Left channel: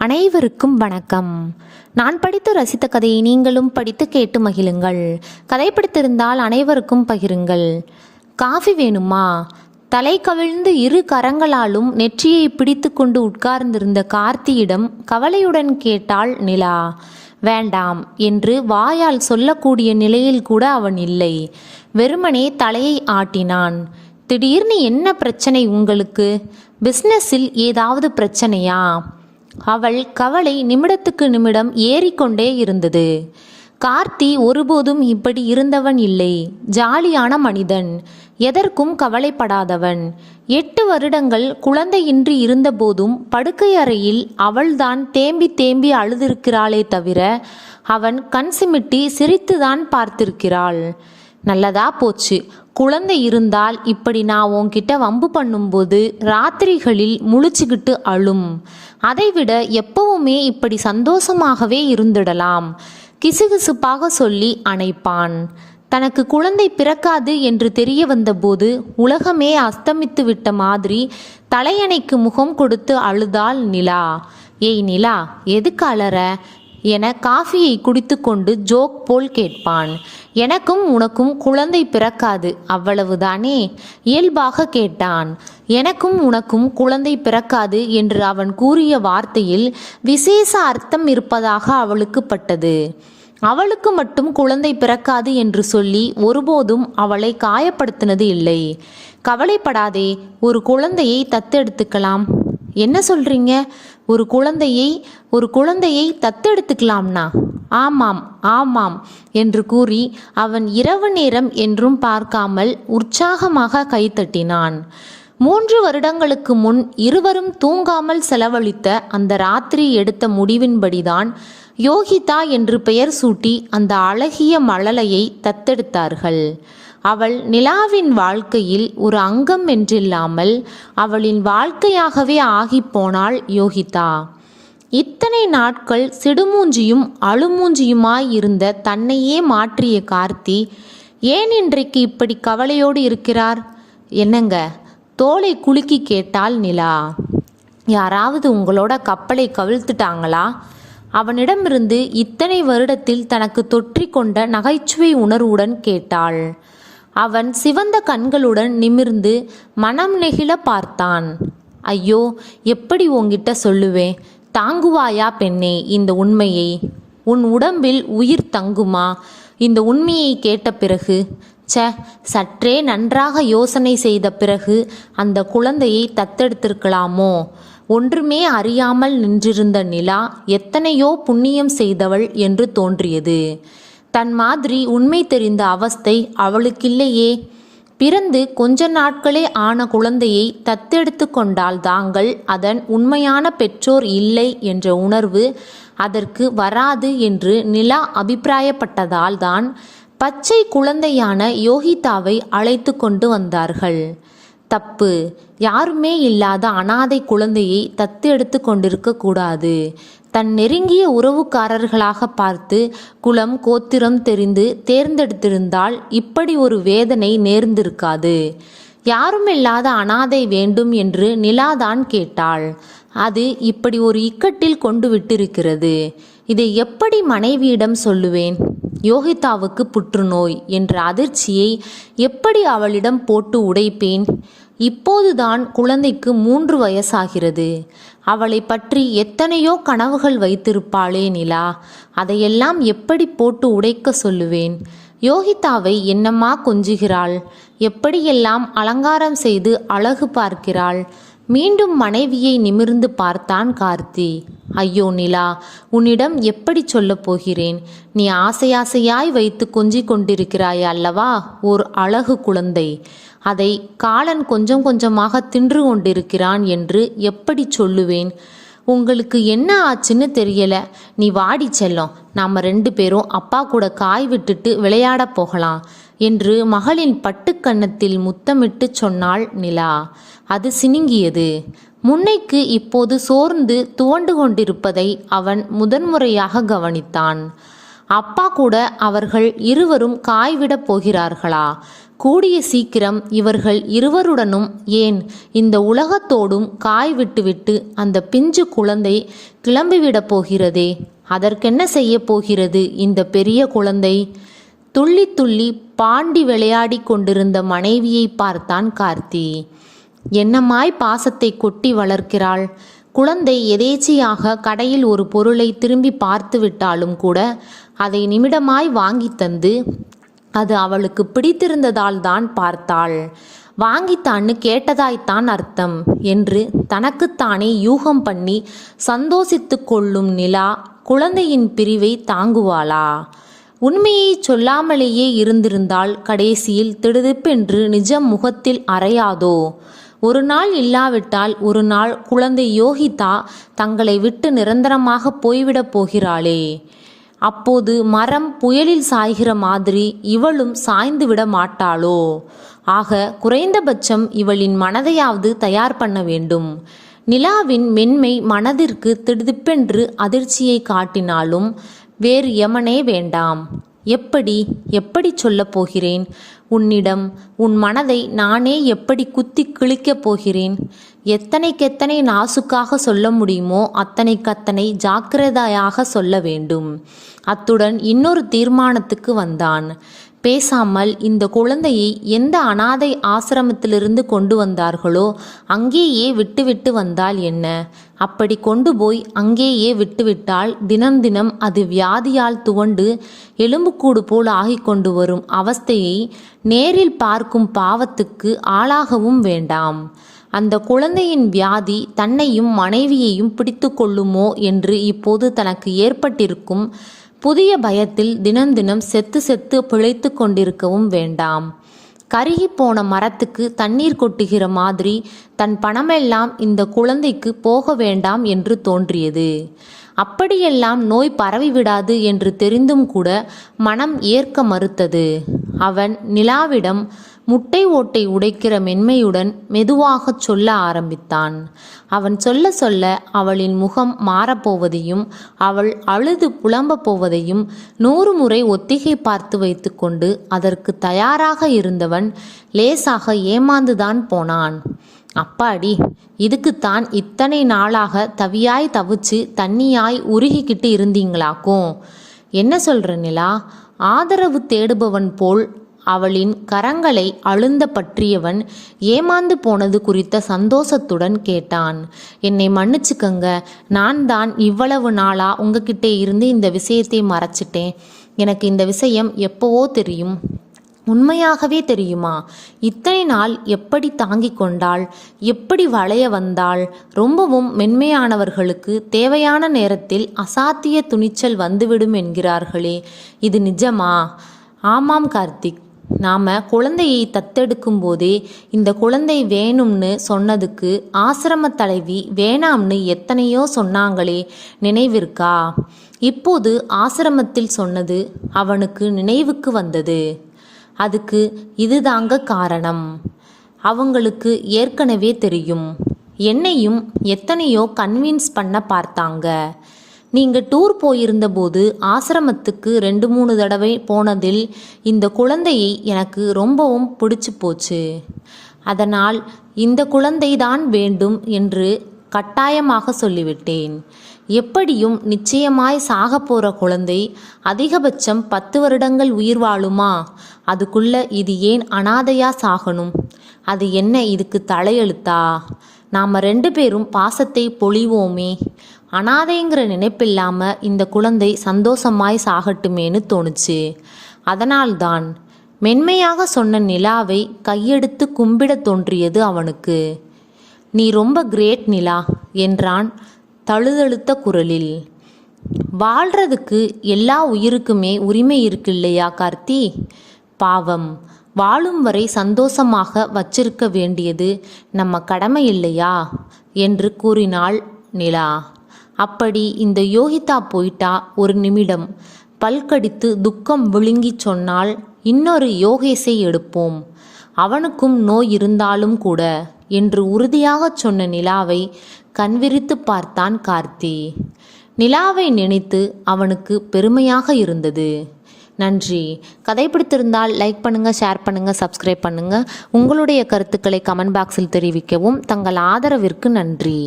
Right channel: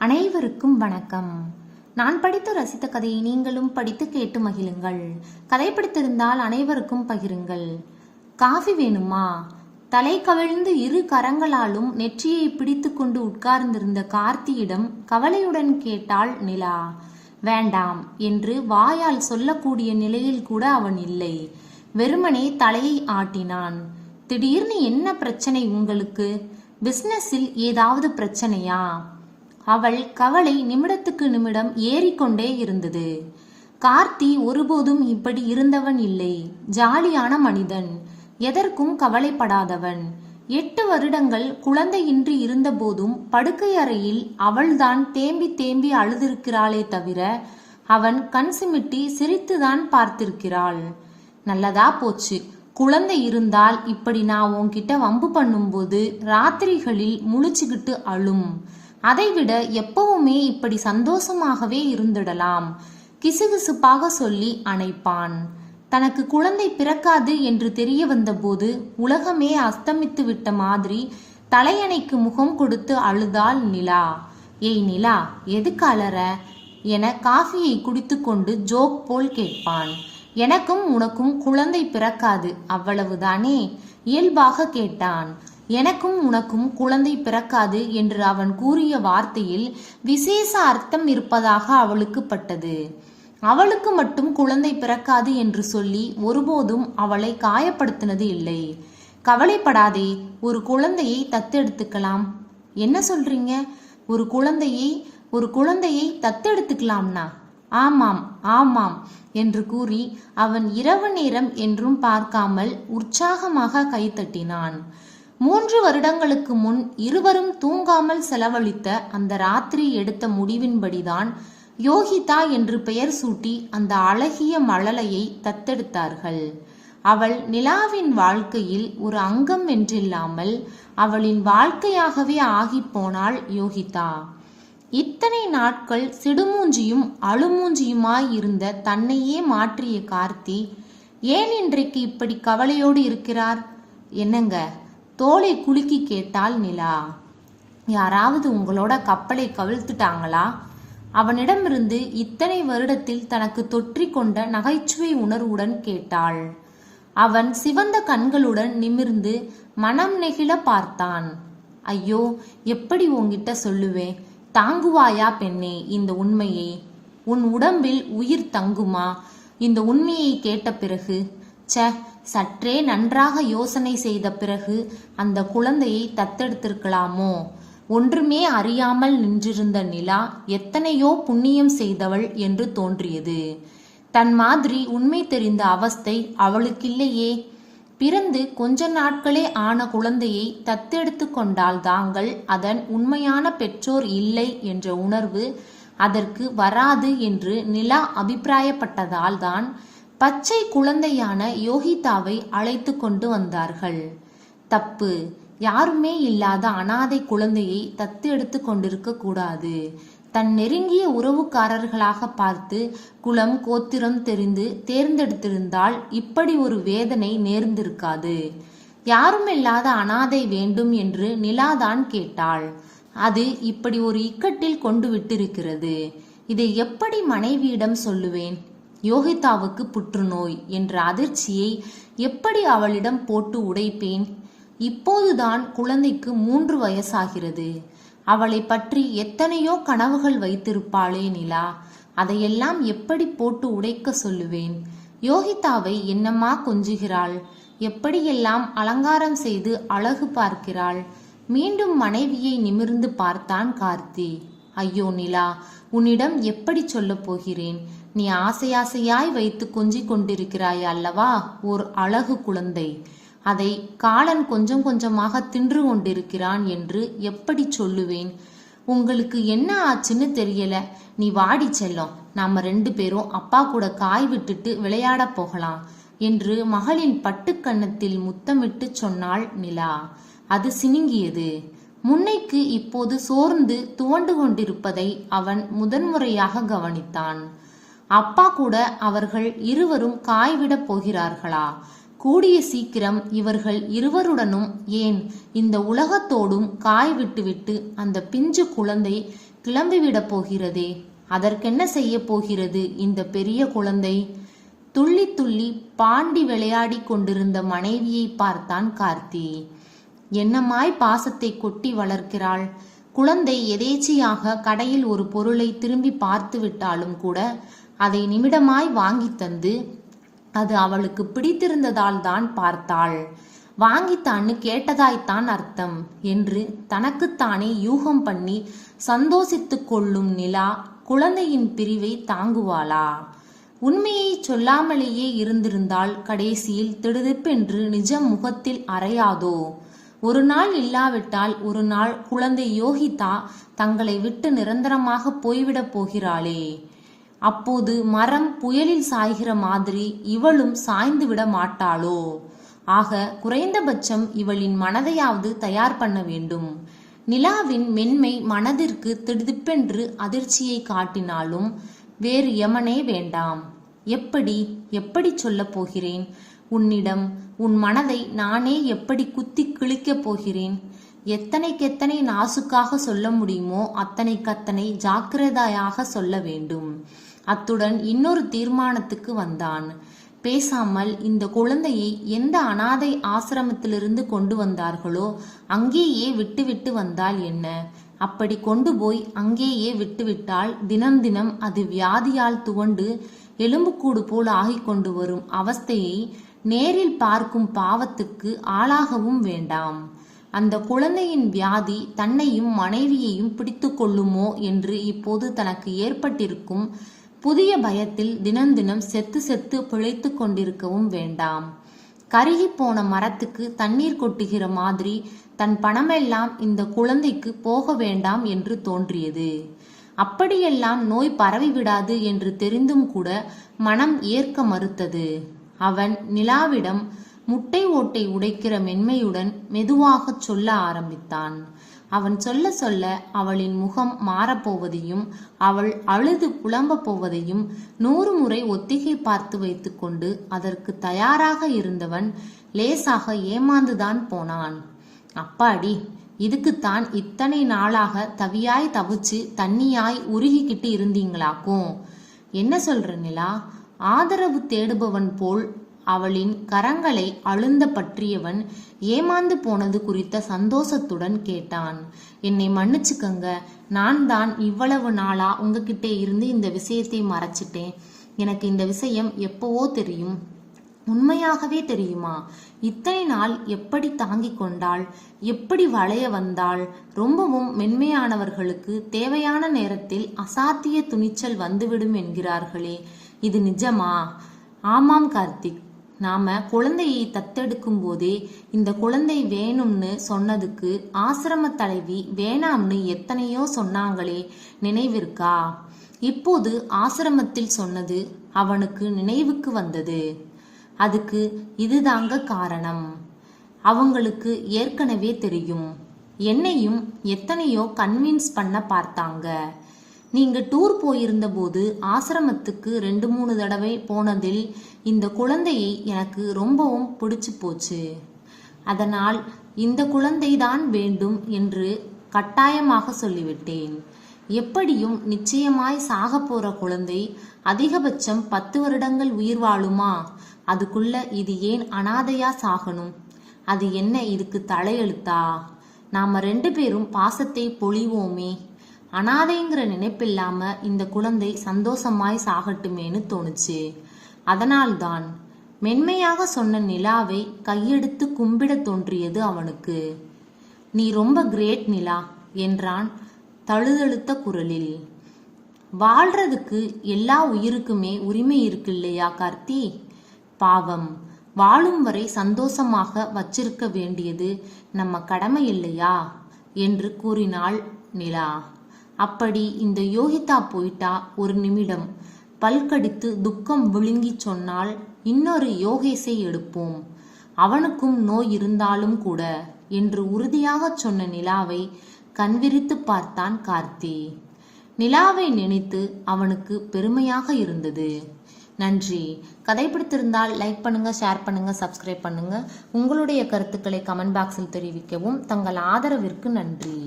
அனைவருக்கும் வணக்கம். நான் படித்து ரசித்த கதையை நீங்களும் படித்து கேட்டு மகிழுங்கள். கதை பிடித்திருந்தால் அனைவருக்கும் பகிருங்கள். காஃபி வேணுமா? தலை கவிழ்ந்து இரு கரங்களாலும் நெற்றியை பிடித்து கொண்டு உட்கார்ந்திருந்த கார்த்தியிடம் கவலையுடன் கேட்டாள் நிலா. வேண்டாம் என்று வாயால் சொல்லக்கூடிய நிலையில் கூட அவன் இல்லை. வெறுமனே தலையை ஆட்டினான். திடீர்னு என்ன பிரச்சனை உங்களுக்கு? பிஸ்னஸில் ஏதாவது பிரச்சனையா? அவள் கவலை நிமிடத்துக்கு நிமிடம் ஏறிக்கொண்டே இருந்தது. கார்த்தி ஒருபோதும் இப்படி இருந்தவன் இல்லை. ஜாலியான மனிதன். எதற்கும் கவலைப்படாதவன். எட்டு வருடங்கள் குழந்தையின்றி இருந்தபோதும் படுக்கை அறையில் அவள்தான் தேம்பி தேம்பி அழுதிருக்கிறாளே தவிர அவன் கண் சிமிட்டி சிரித்துதான் பார்த்திருக்கிறாள். நல்லதா போச்சு. குழந்தை இருந்தால் இப்படி நான் உன்கிட்ட வம்பு பண்ணும்போது ராத்திரிகளில் முழிச்சுக்கிட்டு அழும். அதைவிட எப்பவுமே இப்படி சந்தோஷமாகவே இருந்திடலாம். கிசுகிசுப்பாக சொல்லி அணைப்பான். தனக்கு குழந்தை பிறக்காது என்று தெரிய வந்தபோது உலகமே அஸ்தமித்து விட்ட மாதிரி தலையணைக்கு முகம் கொடுத்து அழுதாள் நிலா. ஏய் நிலா எதுக்கு அலற? என காஃபியை குடித்துக்கொண்டு ஜோக் போல் கேட்பான். எனக்கும் உனக்கும் குழந்தை பிறக்காது அவ்வளவுதானே? இயல்பாக கேட்டான். எனக்கும் உனக்கும் குழந்தை பிறக்காது என்று அவன் கூறிய வார்த்தையில் விசேஷ அர்த்தம் இருப்பதாக அவளுக்கு பட்டது. அவளுக்கு மட்டும் குழந்தை பிறக்காது என்று சொல்லி ஒருபோதும் அவளை காயப்படுத்தினது இல்லை. கவலைப்படாதே ஒரு குழந்தையை தத்தெடுத்துக்கலாம். என்ன சொல்றீங்க? ஒரு குழந்தையை ஒரு குழந்தையை தத்தெடுத்துக்கலாம்னா? ஆமாம் ஆமாம் என்று கூறி அவன் இரவு நேரம் என்றும் பார்க்காமல் உற்சாகமாக கைத்தட்டினான் மூன்று வருடங்களுக்கு முன் இருவரும் தூங்காமல் செலவழித்த அந்த ராத்திரி எடுத்த முடிவின்படிதான் யோகிதா என்று பெயர் சூட்டி அந்த அழகிய மழலையை தத்தெடுத்தார்கள். அவள் நிலாவின் வாழ்க்கையில் ஒரு அங்கம் என்றில்லாமல் அவளின் வாழ்க்கையாகவே ஆகிப் போனாள் யோகிதா. இத்தனை நாட்கள் சிடுமூஞ்சியும் அழுமூஞ்சியுமாய் இருந்த தன்னையே மாற்றிய கார்த்தி ஏன் இன்றைக்கு இப்படி கவலையோடு இருக்கிறார்? என்னங்க? தோலை குலுக்கி கேட்டாள் நிலா. யாராவது உங்களோட கப்பலை கவிழ்த்துட்டாங்களா? அவனிடமிருந்து இத்தனை வருடத்தில் தனக்கு தொற்றிக்கொண்ட நகைச்சுவை உணர்வுடன் கேட்டாள். அவன் சிவந்த கண்களுடன் நிமிர்ந்து மனம் நெகிழ பார்த்தான். ஐயோ எப்படி உங்கிட்ட சொல்லுவேன் தாங்குவாயா பெண்ணே இந்த உண்மையை? உன் உடம்பில் உயிர் தங்குமா? இந்த உண்மையை கேட்ட பிறகு ச்ச சற்றே நன்றாக யோசனை செய்த பிறகு அந்த குழந்தையை தத்தெடுத்திருக்கலாமோ? ஒன்றுமே அறியாமல் நின்றிருந்த நிலா எத்தனையோ புண்ணியம் செய்தவள் என்று தோன்றியது. தன் மாதிரி உண்மை தெரிந்த அவஸ்தை அவளுக்கில்லையே. பிறந்து கொஞ்ச நாட்களே ஆன குழந்தையை தத்தெடுத்து கொண்டால் தாங்கள் அதன் உண்மையான பெற்றோர் இல்லை என்ற உணர்வு அதற்கு வராது என்று நிலா அபிப்பிராயப்பட்டதால் தான் பச்சை குழந்தையான யோகிதாவை அழைத்து கொண்டு வந்தார்கள். தப்பு. யாருமே இல்லாத அனாதை குழந்தையை தத்து எடுத்து கொண்டிருக்க கூடாது. தன் நெருங்கிய உறவுக்காரர்களாக பார்த்து குலம் கோத்திரம் தெரிந்து தேர்ந்தெடுத்திருந்தால் இப்படி ஒரு வேதனை நேர்ந்திருக்காது. யாருமில்லாத அனாதை வேண்டும் என்று நிலாதான் கேட்டாள். அது இப்படி ஒரு இக்கட்டில் கொண்டு விட்டிருக்கிறது. இதை எப்படி மனைவியிடம் சொல்லுவேன்? யோகிதாவுக்கு புற்றுநோய் என்ற அதிர்ச்சியை எப்படி அவளிடம் போட்டு உடைப்பேன்? இப்போதுதான் குழந்தைக்கு மூன்று வயசாகிறது. அவளை பற்றி எத்தனையோ கனவுகள் வைத்திருப்பாளே நிலா. அதையெல்லாம் எப்படி போட்டு உடைக்க சொல்லுவேன்? யோகிதாவை என்னம்மா கொஞ்சுகிறாள்? எப்படியெல்லாம் அலங்காரம் செய்து அழகு பார்க்கிறாள்? மீண்டும் மனைவியை நிமிர்ந்து பார்த்தான் கார்த்தி. ஐயோ நிலா உன்னிடம் எப்படி சொல்லப் போகிறேன்? நீ ஆசையாசையாய் வைத்து கொஞ்சிக் கொண்டிருக்கிறாய் அல்லவா? ஓர் அழகு குழந்தை. அதை காலன் கொஞ்சம் கொஞ்சமாக தின்று கொண்டிருக்கிறான் என்று எப்படி சொல்லுவேன்? உங்களுக்கு என்ன ஆச்சுன்னு தெரியல. நீ வாடி செல்லம். நாம ரெண்டு பேரும் அப்பா கூட காய் விட்டுட்டு விளையாட போகலாம். என்று மகளின் பட்டுக்கன்னத்தில் முத்தமிட்டு சொன்னாள் நிலா. அது சினுங்கியது. முன்னைக்கு இப்போது சோர்ந்து துவண்டு கொண்டிருப்பதை அவன் முதன்முறையாக கவனித்தான். அப்பா கூட அவர்கள் இருவரும் காய்விடப் போகிறார்களா? கூடிய சீக்கிரம் இவர்கள் இருவருடனும் ஏன் இந்த உலகத்தோடும் காய் விட்டுவிட்டு அந்த பிஞ்சு குழந்தை கிளம்பிவிடப் போகிறதே? அதற்கென்ன செய்ய போகிறது இந்த பெரிய குழந்தை? துள்ளி துள்ளி பாண்டி விளையாடி கொண்டிருந்த மனைவியை பார்த்தான் கார்த்தி. என்னமாய் பாசத்தை கொட்டி வளர்க்கிறாள்? குழந்தை எதேச்சையாக கடையில் ஒரு பொருளை திரும்பி பார்த்து விட்டாலும் கூட அதை நிமிடமாய் வாங்கி தந்து அது அவளுக்கு பிடித்திருந்ததால் தான் பார்த்தாள். வாங்கித்தான்னு கேட்டதாய்த்தான் அர்த்தம் என்று தனக்குத்தானே யூகம் பண்ணி சந்தோஷித்து கொள்ளும் நிலா குழந்தையின் பிரிவை தாங்குவாளா? உண்மையை சொல்லாமலேயே இருந்திருந்தால் கடைசியில் திடுதிப்பென்று நிஜம் முகத்தில் அறையாதோ? ஒரு நாள் இல்லாவிட்டால் ஒரு நாள் குழந்தை யோகிதா தங்களை விட்டு நிரந்தரமாக போய்விடப் போகிறாளே. அப்போது மரம் புயலில் சாய்கிற மாதிரி இவளும் சாய்ந்து விட மாட்டாளோ? ஆக குறைந்தபட்சம் இவளின் மனதையாவது தயார் பண்ண வேண்டும். நிலாவின் மென்மை மனதிற்கு திடுதிப்பென்று அதிர்ச்சியை காட்டினாலும் வேறு எமனே வேண்டாம். எப்படி எப்படி சொல்லப் போகிறேன்? உன்னிடம் உன் மனதை நானே எப்படி குத்தி கிழிக்கப் போகிறேன்? எத்தனைக்கெத்தனை நாசுக்காக சொல்ல முடியுமோ அத்தனைக்கத்தனை ஜாக்கிரதையாக சொல்ல வேண்டும். அத்துடன் இன்னொரு தீர்மானத்துக்கு வந்தான். பேசாமல் இந்த குழந்தையை எந்த அனாதை ஆசிரமத்திலிருந்து கொண்டு வந்தார்களோ அங்கேயே விட்டுவிட்டு வந்தால் என்ன? அப்படி கொண்டு போய் அங்கேயே விட்டுவிட்டால் தினம் தினம் அது வியாதியால் துவண்டு எலும்புக்கூடு போல் ஆகிக் கொண்டு வரும் அவஸ்தையை நேரில் பார்க்கும் பாவத்துக்கு ஆளாகவும் வேண்டாம். அந்த குழந்தையின் வியாதி தன்னையும் மனைவியையும் பிடித்து கொள்ளுமோ என்று இப்போது தனக்கு ஏற்பட்டிருக்கும் புதிய பயத்தில் தினம் தினம் செத்து செத்து பிழைத்து கொண்டிருக்கவும் வேண்டாம். கருகி போன மரத்துக்கு தண்ணீர் கொட்டுகிற மாதிரி தன் பணமெல்லாம் இந்த குழந்தைக்கு போக வேண்டாம் என்று தோன்றியது. அப்படியெல்லாம் நோய் பரவிவிடாது என்று தெரிந்தும் கூட மனம் ஏற்க மறுத்தது. அவன் நிலாவிடம் முட்டை ஓட்டை உடைக்கிற மென்மையுடன் மெதுவாகச் சொல்ல ஆரம்பித்தான். அவன் சொல்ல சொல்ல அவளின் முகம் மாறப்போவதையும் அவள் அழுது புலம்பப் போவதையும் நூறு முறை ஒத்திகை பார்த்து வைத்துக்கொண்டு அதற்கு தயாராக இருந்தவன் லேசாக ஏமாந்துதான் போனான். அப்பாடி இதுக்குத்தான் இத்தனை நாளாக தவியாய் தவிச்சு தண்ணியாய் உருகிக்கிட்டு இருந்தீங்களாக்கும் என்ன சொல்ற நிலா? ஆதரவு தேடுபவன் போல் அவளின் கரங்களை அழுந்த பற்றியவன் ஏமாந்து போனது குறித்த சந்தோஷத்துடன் கேட்டான். என்னை மன்னிச்சுக்கங்க. நான் தான் இவ்வளவு நாளா உங்ககிட்ட இருந்து இந்த விஷயத்தை மறைச்சிட்டேன். எனக்கு இந்த விஷயம் எப்போவோ தெரியும். உண்மையாகவே தெரியுமா? இத்தனை நாள் எப்படி தாங்கிக் கொண்டாள்? எப்படி வளைய வந்தாள்? ரொம்பவும் மென்மையானவர்களுக்கு தேவையான நேரத்தில் அசாத்திய துணிச்சல் வந்துவிடும் என்கிறார்களே. இது நிஜமா? ஆமாம் கார்த்திக். நாம் குழந்தையை தத்தெடுக்கும் போதே இந்த குழந்தை வேணும்னு சொன்னதுக்கு ஆசிரம தலைவி வேணாம்னு எத்தனையோ சொன்னாங்களே நினைவிருக்கா? இப்போது ஆசிரமத்தில் சொன்னது அவனுக்கு நினைவுக்கு வந்தது. அதுக்கு இதுதாங்க காரணம். அவங்களுக்கு ஏற்கனவே தெரியும். என்னையும் எத்தனையோ கன்வின்ஸ் பண்ண பார்த்தாங்க. நீங்கள் டூர் போயிருந்தபோது ஆசிரமத்துக்கு ரெண்டு மூணு தடவை போனதில் இந்த குழந்தையை எனக்கு ரொம்பவும் பிடிச்சு போச்சு. அதனால் இந்த குழந்தைதான் வேண்டும் என்று கட்டாயமாக சொல்லிவிட்டேன். எப்படியும் நிச்சயமாய் சாக போகிற குழந்தை அதிகபட்சம் பத்து வருடங்கள் உயிர் வாழுமா? அதுக்குள்ள இது ஏன் அனாதையா சாகணும்? அது என்ன இதுக்கு தலையெழுத்தா? நாம் ரெண்டு பேரும் பாசத்தை பொழிவோமே. அனாதைங்கிற நினைப்பில்லாமல் இந்த குழந்தை சந்தோஷமாய் சாகட்டுமேன்னு தோணுச்சு. அதனால்தான் மென்மையாக சொன்ன நிலாவை கையெடுத்து கும்பிடத் தோன்றியது அவனுக்கு. நீ ரொம்ப கிரேட் நிலா என்றான் தழுதழுத்த குரலில். வாழ்றதுக்கு எல்லா உயிருக்குமே உரிமை இருக்கு இல்லையா கார்த்தி? பாவம் வாழும் வரை சந்தோஷமாக வச்சிருக்க வேண்டியது நம்ம கடமை இல்லையா? என்று கூறினாள் நிலா. அப்படி இந்த யோகிதா போயிட்டா ஒரு நிமிடம். பல்கடித்து துக்கம் விழுங்கி சொன்னால் இன்னொரு யோகேசை எடுப்போம். அவனுக்கும் நோய் இருந்தாலும் கூட என்று உறுதியாகச் சொன்ன நிலாவை கண்விரித்து பார்த்தான் கார்த்தி. நிலாவை நினைத்து அவனுக்கு பெருமையாக இருந்தது. நன்றி. கதை பிடித்திருந்தால் லைக் பண்ணுங்கள் ஷேர் பண்ணுங்கள் சப்ஸ்கிரைப் பண்ணுங்கள் உங்களுடைய கருத்துக்களை கமெண்ட் பாக்ஸில் தெரிவிக்கவும். தங்கள் ஆதரவிற்கு நன்றி.